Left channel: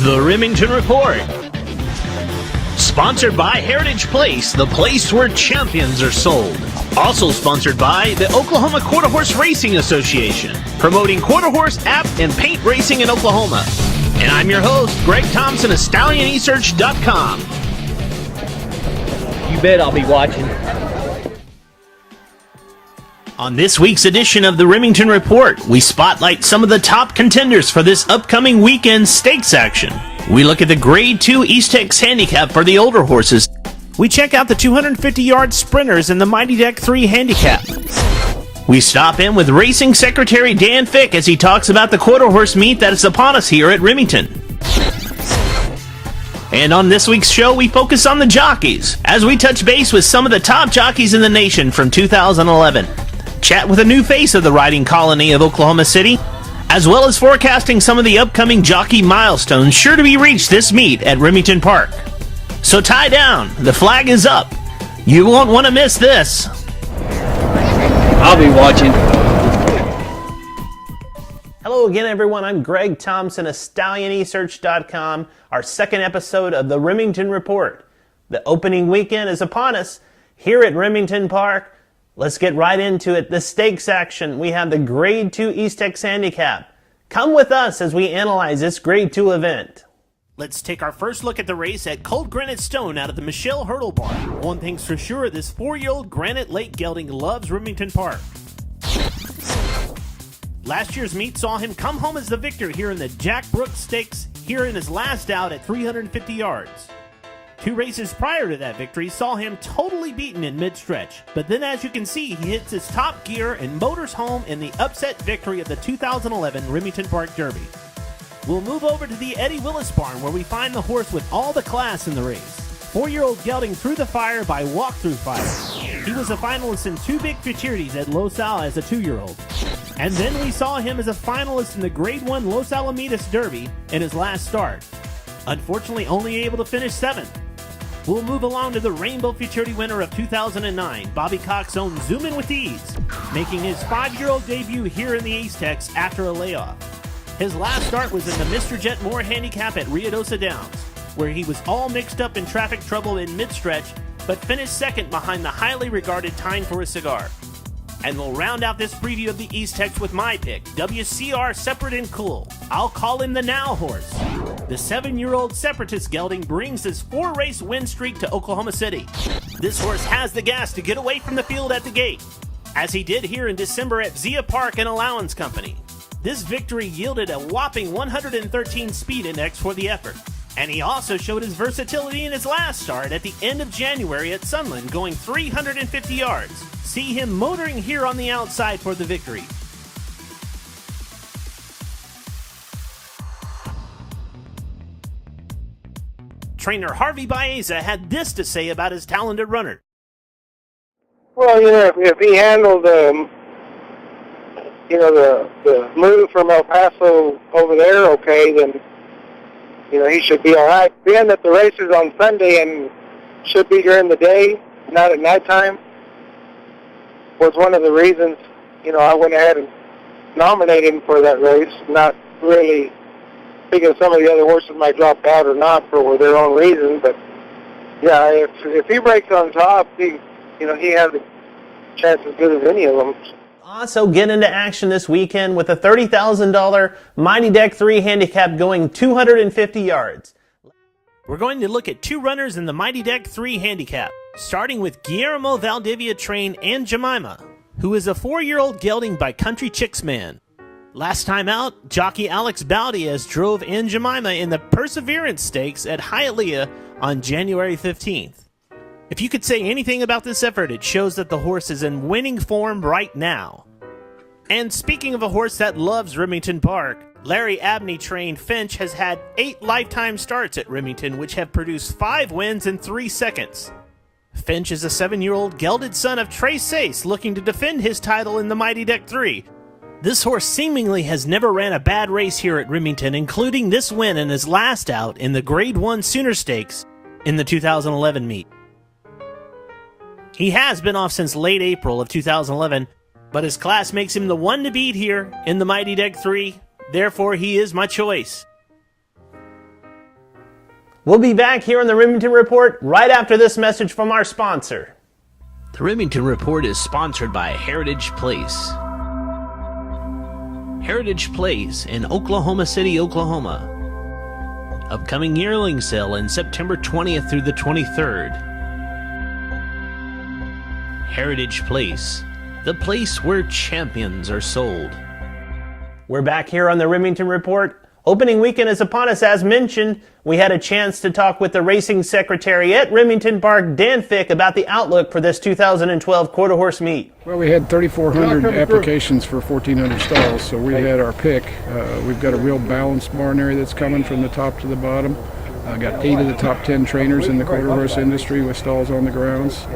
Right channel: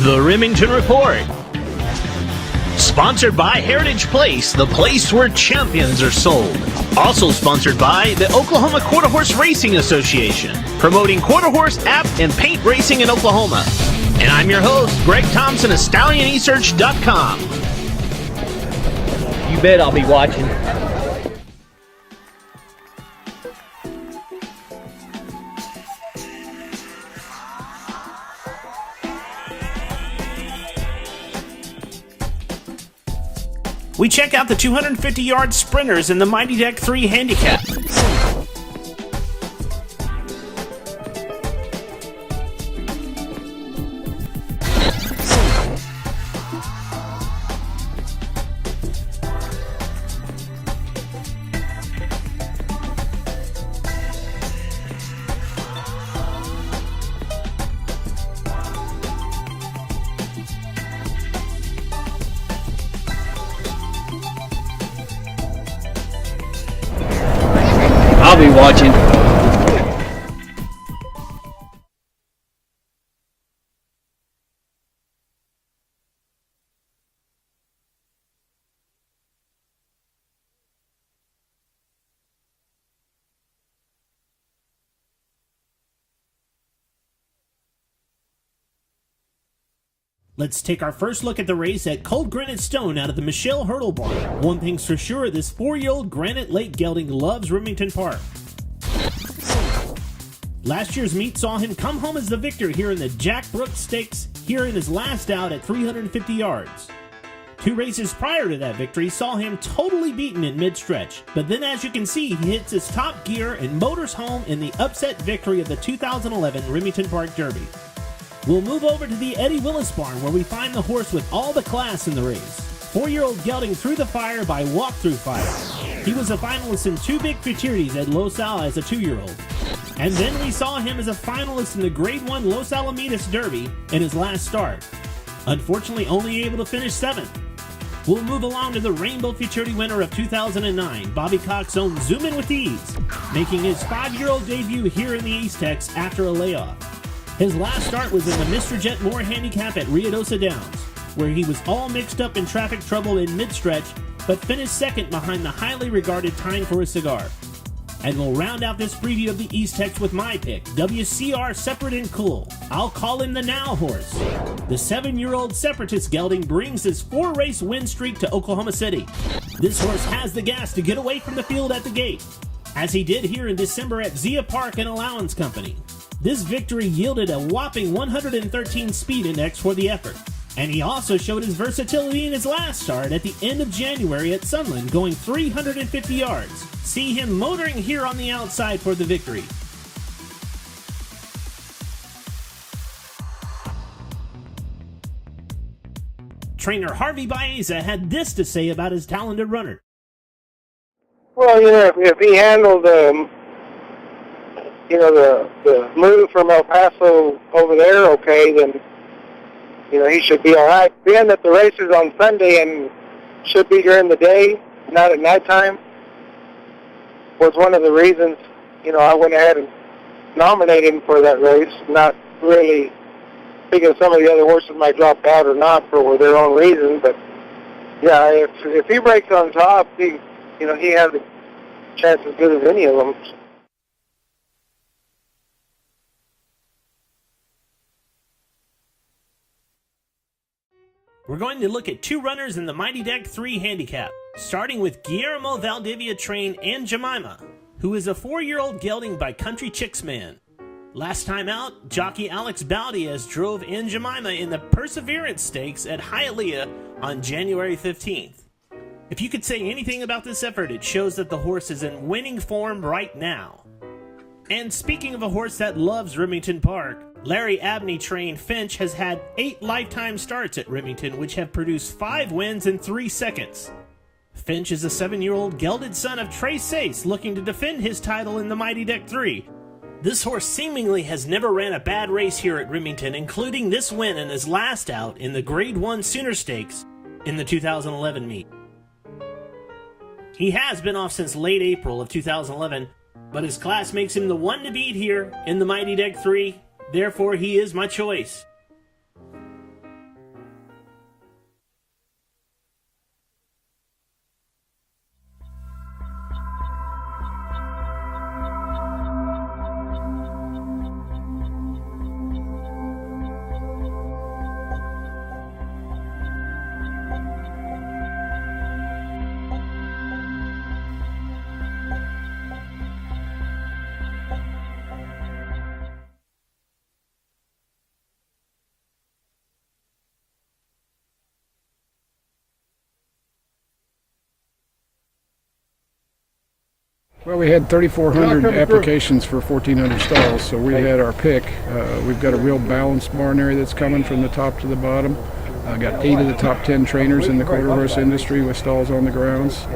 The Remington Report. Sponsored by Heritage Place, the place where champions are sold. Also sponsored by the Oklahoma Quarter Horse Racing Association, promoting quarter horse, app, and paint racing in Oklahoma. And I'm your host, Greg Thompson of StallionResearch.com. You bet I'll be watching. On this week's edition of the Remington Report, we spotlight some of the top contenders for this upcoming weekend stakes action. We look at the Grade 2 East Tex Handicap for the older horses. We check out the 250-yard sprinters in the Mighty Deck 3 Handicap. We stop in with Racing Secretary Dan Fick as he talks about the quarter horse meet that is upon us here at Remington. And on this week's show, we focus on the jockeys, as we touch base with some of the top jockeys in the nation from 2011. Chat with a new face of the riding colony of Oklahoma City, as well as forecasting some of the upcoming jockey milestones sure to be reached this meet at Remington Park. So tie down, the flag is up. You won't want to miss this. I'll be watching. Hello again, everyone. I'm Greg Thompson of StallionResearch.com, our second episode of the Remington Report. The opening weekend is upon us here at Remington Park. Let's get right into it. The stakes action. We have the Grade 2 East Tex Handicap. Come with us as we analyze this Grade 2 event. Let's take our first look at the race at Cold Granite Stone out of the Michelle Hurdle Barn. One thing's for sure, this 4-year-old Granite Lake gelding loves Remington Park. Last year's meet saw him come home as the victor here in the Jack Brooks Stakes, here in his last out at 350 yards. 2 races prior to that victory saw him totally beaten in mid-stretch, but then as you can see, he hits his top gear and motors home in the upset victory of the 2011 Remington Park Derby. We'll move over to the Eddie Willis Barn where we find the horse with all the class in the race. 4-year-old gelding Through the Fire by Walk-Through Fire. He was a finalist in 2 big futurities at Los Al as a 2-year-old. And then we saw him as a finalist in the Grade 1 Los Alamitos Derby in his last start. Unfortunately, only able to finish 7th. We'll move along to the Rainbow Futurity winner of 2009, Bobby Cox's own Zoom In With Ease, making his 5-year-old debut here in the East Tex after a layoff. His last start was in the Mr. Jet Moore Handicap at Ruidoso Downs, where he was all mixed up in traffic trouble in mid-stretch, but finished second behind the highly regarded Time for a Cigar. And we'll round out this preview of the East Tex with my pick, WCR Separate and Cool. I'll call him the Now horse. The 7-year-old Separatist gelding brings his 4-race win streak to Oklahoma City. This horse has the gas to get away from the field at the gate, as he did here in December at Zia Park and Allowance Company. This victory yielded a whopping 113 speed index for the effort. And he also showed his versatility in his last start at the end of January at Sunland, going 350 yards. See him motoring here on the outside for the victory. Trainer Harvey Baeza had this to say about his talented runner. Well, if he handled, the move from El Paso over there okay, then, he should be all right. Being that the race is on Sunday and should be during the day, not at nighttime, was one of the reasons, I went ahead and nominated him for that race, not really thinking some of the other horses might drop out or not for their own reasons. But, yeah, if he breaks on top, he has a chance as good as any of them. Also get into action this weekend with a $30,000 Mighty Deck 3 handicap going 250 yards. We're going to look at 2 runners in the Mighty Deck 3 handicap, starting with Guillermo Valdivia trained Aunt Jemima, who is a 4-year-old gelding by Country Chicks Man. Last time out, jockey Alex Baldiaz drove Aunt Jemima in the Perseverance Stakes at Hialeah on January 15th. If you could say anything about this effort, it shows that the horse is in winning form right now. And speaking of a horse that loves Remington Park, Larry Abney trained Finch has had 8 lifetime starts at Remington, which have produced 5 wins in 3 seconds. Finch is a 7-year-old gelded son of Trey Sace looking to defend his title in the Mighty Deck 3. This horse seemingly has never ran a bad race here at Remington, including this win in his last out in the Grade 1 Sooner Stakes in the 2011 meet. He has been off since late April of 2011, but his class makes him the one to beat here in the Mighty Deck 3, therefore he is my choice. We'll be back here on the Remington Report right after this message from our sponsor. The Remington Report is sponsored by Heritage Place. Heritage Place in Oklahoma City, Oklahoma. Upcoming yearling sale in September 20th through the 23rd. Heritage Place, the place where champions are sold. We're back here on the Remington Report. Opening weekend is upon us, as mentioned. We had a chance to talk with the racing secretary at Remington Park, Dan Fick, about the outlook for this 2012 quarter horse meet. Well, we had 3,400 applications for 1,400 stalls, so we had our pick. We've got a real balanced barn area that's coming from the top to the bottom. Got 8 of the top 10 trainers in the quarter horse industry with stalls on the grounds.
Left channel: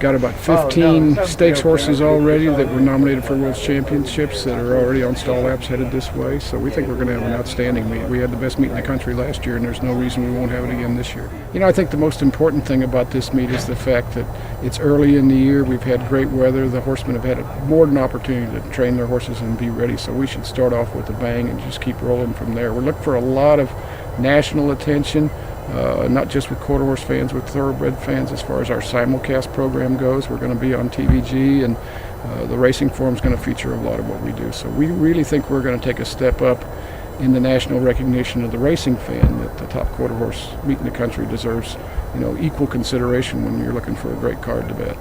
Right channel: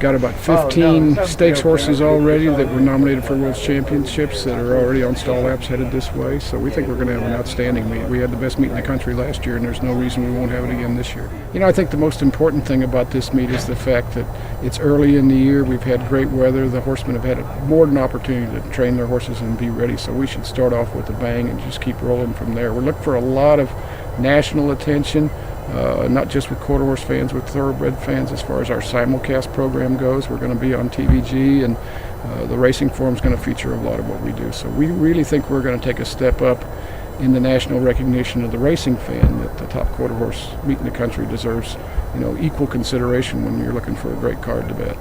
Got about 15 stakes horses already that were nominated for World Championships that are already on stall laps headed this way. So we think we're going to have an outstanding meet. We had the best meet in the country last year, and there's no reason we won't have it again this year. You know, I think the most important thing about this meet is the fact that it's early in the year. We've had great weather. The horsemen have had more than an opportunity to train their horses and be ready. So we should start off with a bang and just keep rolling from there. We're looking for a lot of national attention. Not just with quarter horse fans, with thoroughbred fans. As far as our simulcast program goes, we're going to be on TVG, and the Racing Forum is going to feature a lot of what we do. So we really think we're going to take a step up in the national recognition of the racing fan, that the top quarter horse meet in the country deserves, equal consideration when you're looking for a great card to bet.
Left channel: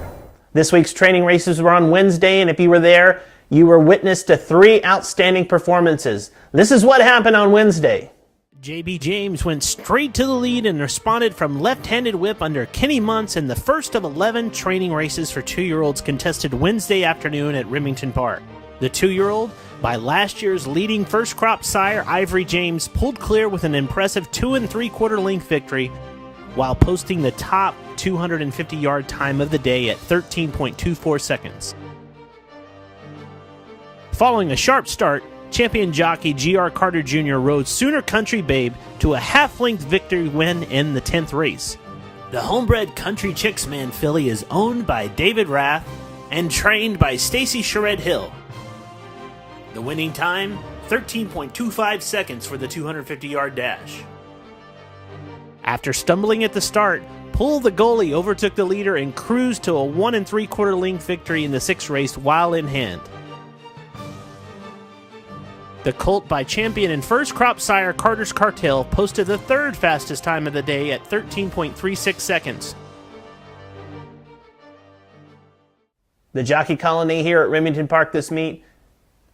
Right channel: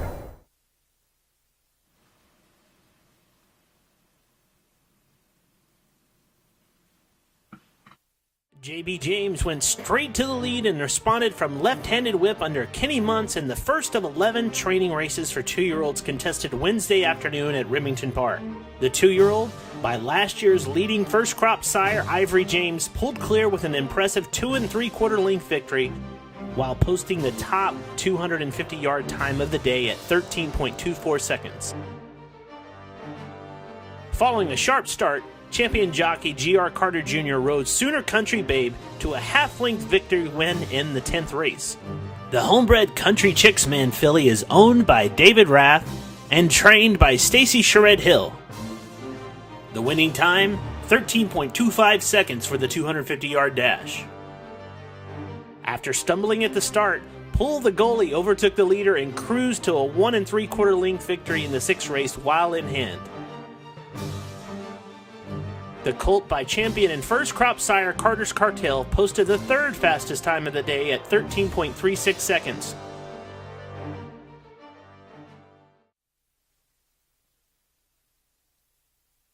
This week's training races were on Wednesday, and if you were there, you were witness to 3 outstanding performances. This is what happened on Wednesday. J.B. James went straight to the lead and responded from left-handed whip under Kenny Muntz in the first of 11 training races for 2-year-olds contested Wednesday afternoon at Remington Park. The 2-year-old, by last year's leading first crop sire Ivory James, pulled clear with an impressive 2 3/4 length victory while posting the top 250-yard time of the day at 13.24 seconds. Following a sharp start, champion jockey G.R. Carter Jr. rode Sooner Country Babe to a half-length victory win in the 10th race. The homebred Country Chicks Man filly is owned by David Rath and trained by Stacy Sherrod Hill. The winning time, 13.25 seconds for the 250-yard dash. After stumbling at the start, Pull the Goalie overtook the leader and cruised to a 1 3/4 length victory in the 6th race while in hand. The colt by champion and first crop sire Carter's Cartel posted the 3rd fastest time of the day at 13.36 seconds. The jockey colony here at Remington Park this meet,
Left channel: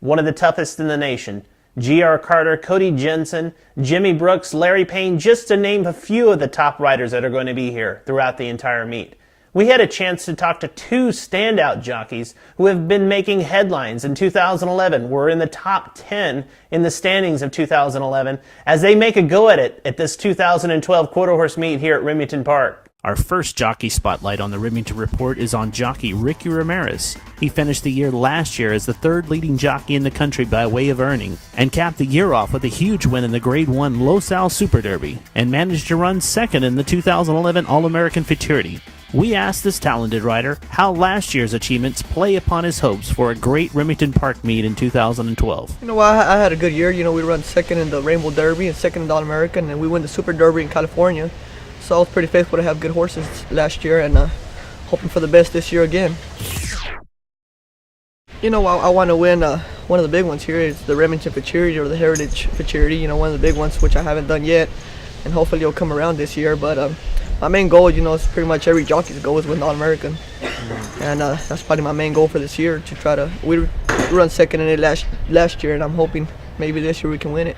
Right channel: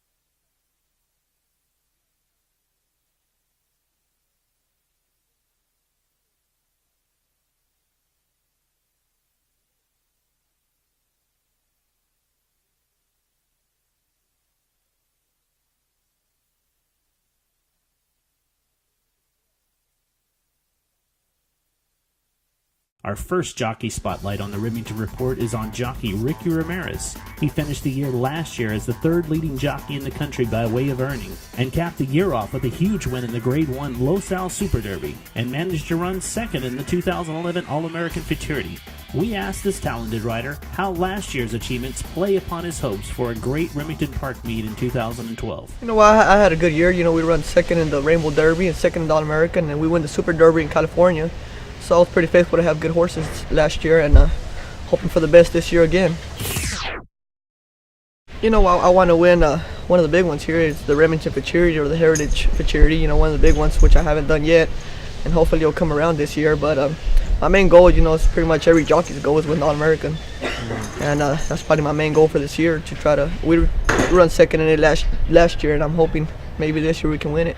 one of the toughest in the nation. G.R. Carter, Cody Jensen, Jimmy Brooks, Larry Payne, just to name a few of the top riders that are going to be here throughout the entire meet. We had a chance to talk to 2 standout jockeys who have been making headlines in 2011, were in the top 10 in the standings of 2011, as they make a go at it at this 2012 quarter horse meet here at Remington Park. Our first jockey spotlight on the Remington Report is on jockey Ricky Ramirez. He finished the year last year as the 3rd leading jockey in the country by way of earning, and capped the year off with a huge win in the Grade 1 Los Al Super Derby, and managed to run 2nd in the 2011 All-American Futurity. We asked this talented rider how last year's achievements play upon his hopes for a great Remington Park meet in 2012. I had a good year. We run 2nd in the Rainbow Derby and 2nd in the All-American, and we won the Super Derby in California. So I was pretty faithful to have good horses last year, and hoping for the best this year again. I want to win one of the big ones here. Is the Remington Futurity or the Heritage Futurity. One of the big ones, which I haven't done yet, and hopefully it'll come around this year. But my main goal, is pretty much every jockey's goal is win the All-American, and that's probably my main goal for this year, to try to. We run 2nd in it last year, and I'm hoping maybe this year we can win it.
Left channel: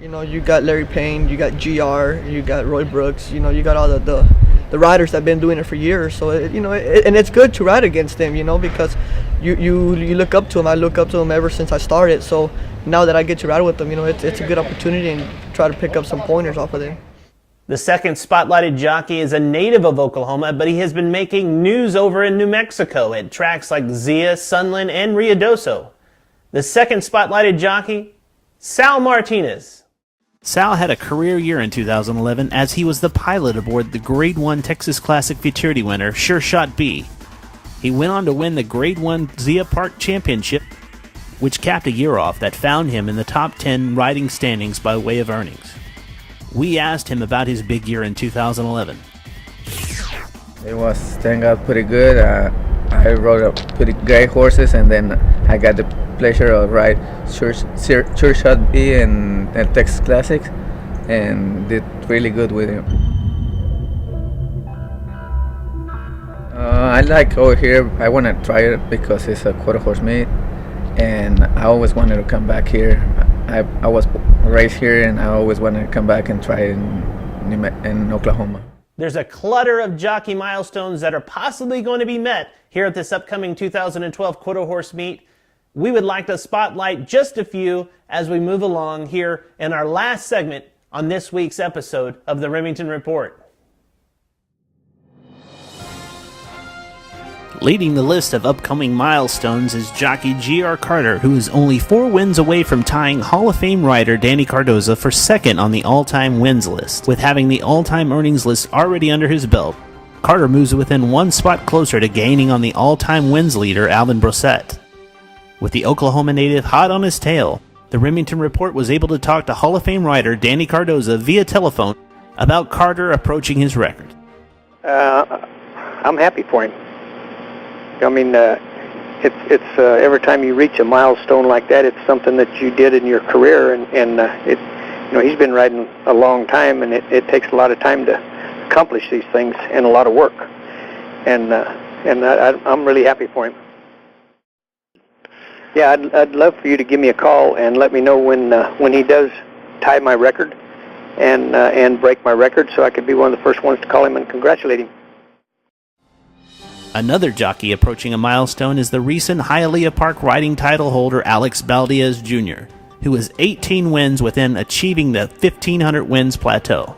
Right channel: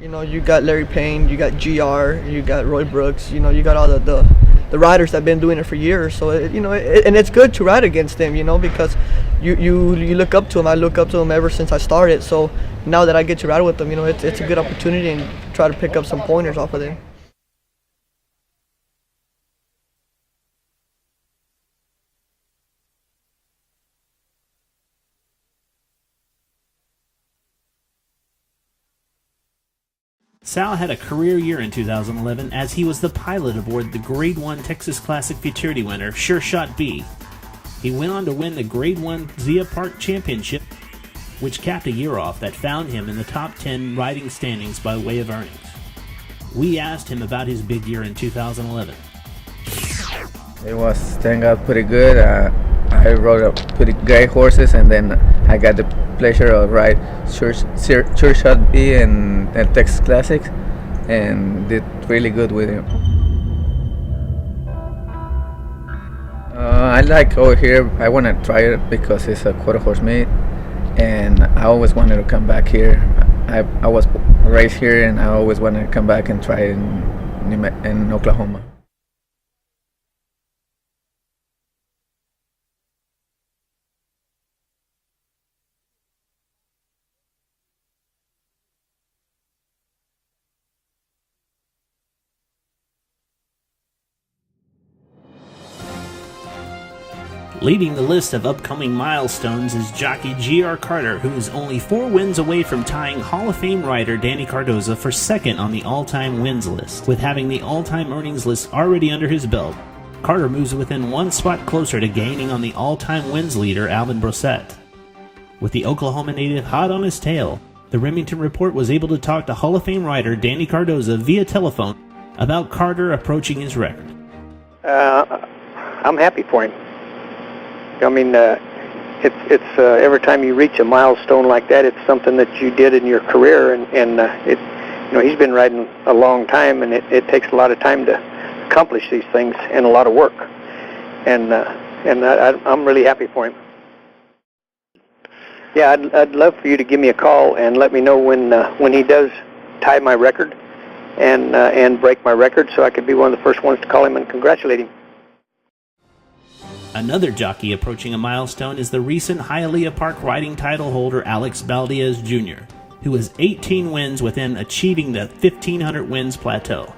You got Larry Payne, you got GR, you got Roy Brooks, you got all the riders that have been doing it for years. So and it's good to ride against them, because you look up to them. I look up to them ever since I started. So now that I get to ride with them, it's a good opportunity and try to pick up some pointers off of them. The second spotlighted jockey is a native of Oklahoma, but he has been making news over in New Mexico at tracks like Zia, Sunland, and Ruidoso. The second spotlighted jockey, Sal Martinez. Sal had a career year in 2011 as he was the pilot aboard the Grade 1 Texas Classic Futurity winner, Sure Shot B. He went on to win the Grade 1 Zia Park Championship, which capped a year off that found him in the top 10 riding standings by way of earnings. We asked him about his big year in 2011. It was turning out pretty good. I rode up pretty great horses, and then I got the pleasure of ride Sure Shot B and Texas Classics, and did really good with him. I like over here. I want to try it because it's a quarter horse meet, and I always wanted to come back here. I was raised here, and I always wanted to come back and try it in Oklahoma. There's a clutter of jockey milestones that are possibly going to be met here at this upcoming 2012 quarter horse meet. We would like to spotlight just a few as we move along here in our last segment on this week's episode of the Remington Report. Leading the list of upcoming milestones is jockey G.R. Carter, who is only 4 wins away from tying Hall of Fame rider Danny Cardoza for second on the all-time wins list. With having the all-time earnings list already under his belt, Carter moves within 1 spot closer to gaining on the all-time wins leader Alvin Brosette. With the Oklahoma native hot on his tail, the Remington Report was able to talk to Hall of Fame rider Danny Cardoza via telephone about Carter approaching his record. I'm happy for him. I mean, it's every time you reach a milestone like that, it's something that you did in your career, and he's been riding a long time, and it takes a lot of time to accomplish these things and a lot of work, and I'm really happy for him. Yeah, I'd love for you to give me a call and let me know when he does tie my record and break my record, so I could be one of the first ones to call him and congratulate him. Another jockey approaching a milestone is the recent Hialeah Park riding title holder Alex Valdez Jr., who has 18 wins within achieving the 1,500 wins plateau.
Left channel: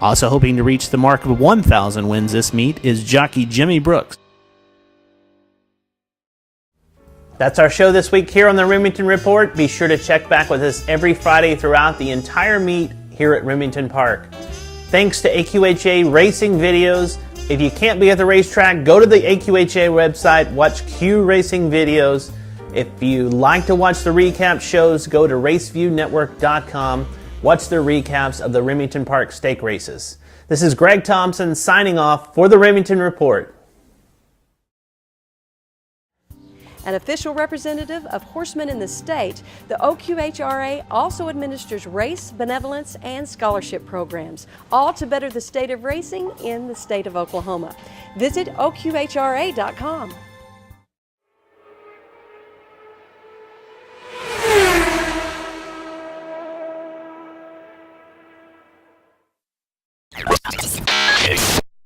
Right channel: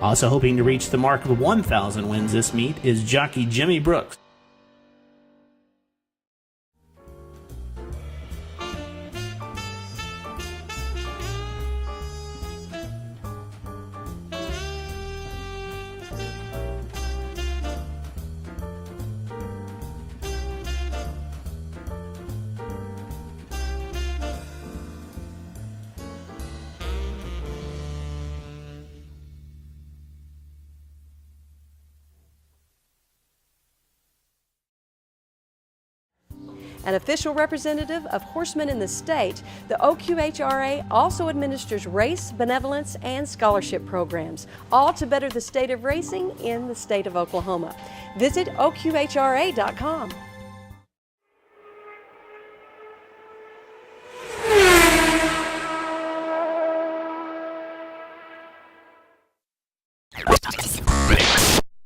Also hoping to reach the mark of 1,000 wins this meet is jockey Jimmy Brooks. That's our show this week here on the Remington Report. Be sure to check back with us every Friday throughout the entire meet here at Remington Park. Thanks to AQHA Racing Videos. If you can't be at the racetrack, go to the AQHA website, watch Q Racing videos. If you like to watch the recap shows, go to raceviewnetwork.com. Watch the recaps of the Remington Park stake races. This is Greg Thompson signing off for the Remington Report. An official representative of horsemen in the state, the OQHRA also administers race, benevolence, and scholarship programs, all to better the state of racing in the state of Oklahoma. Visit OQHRA.com.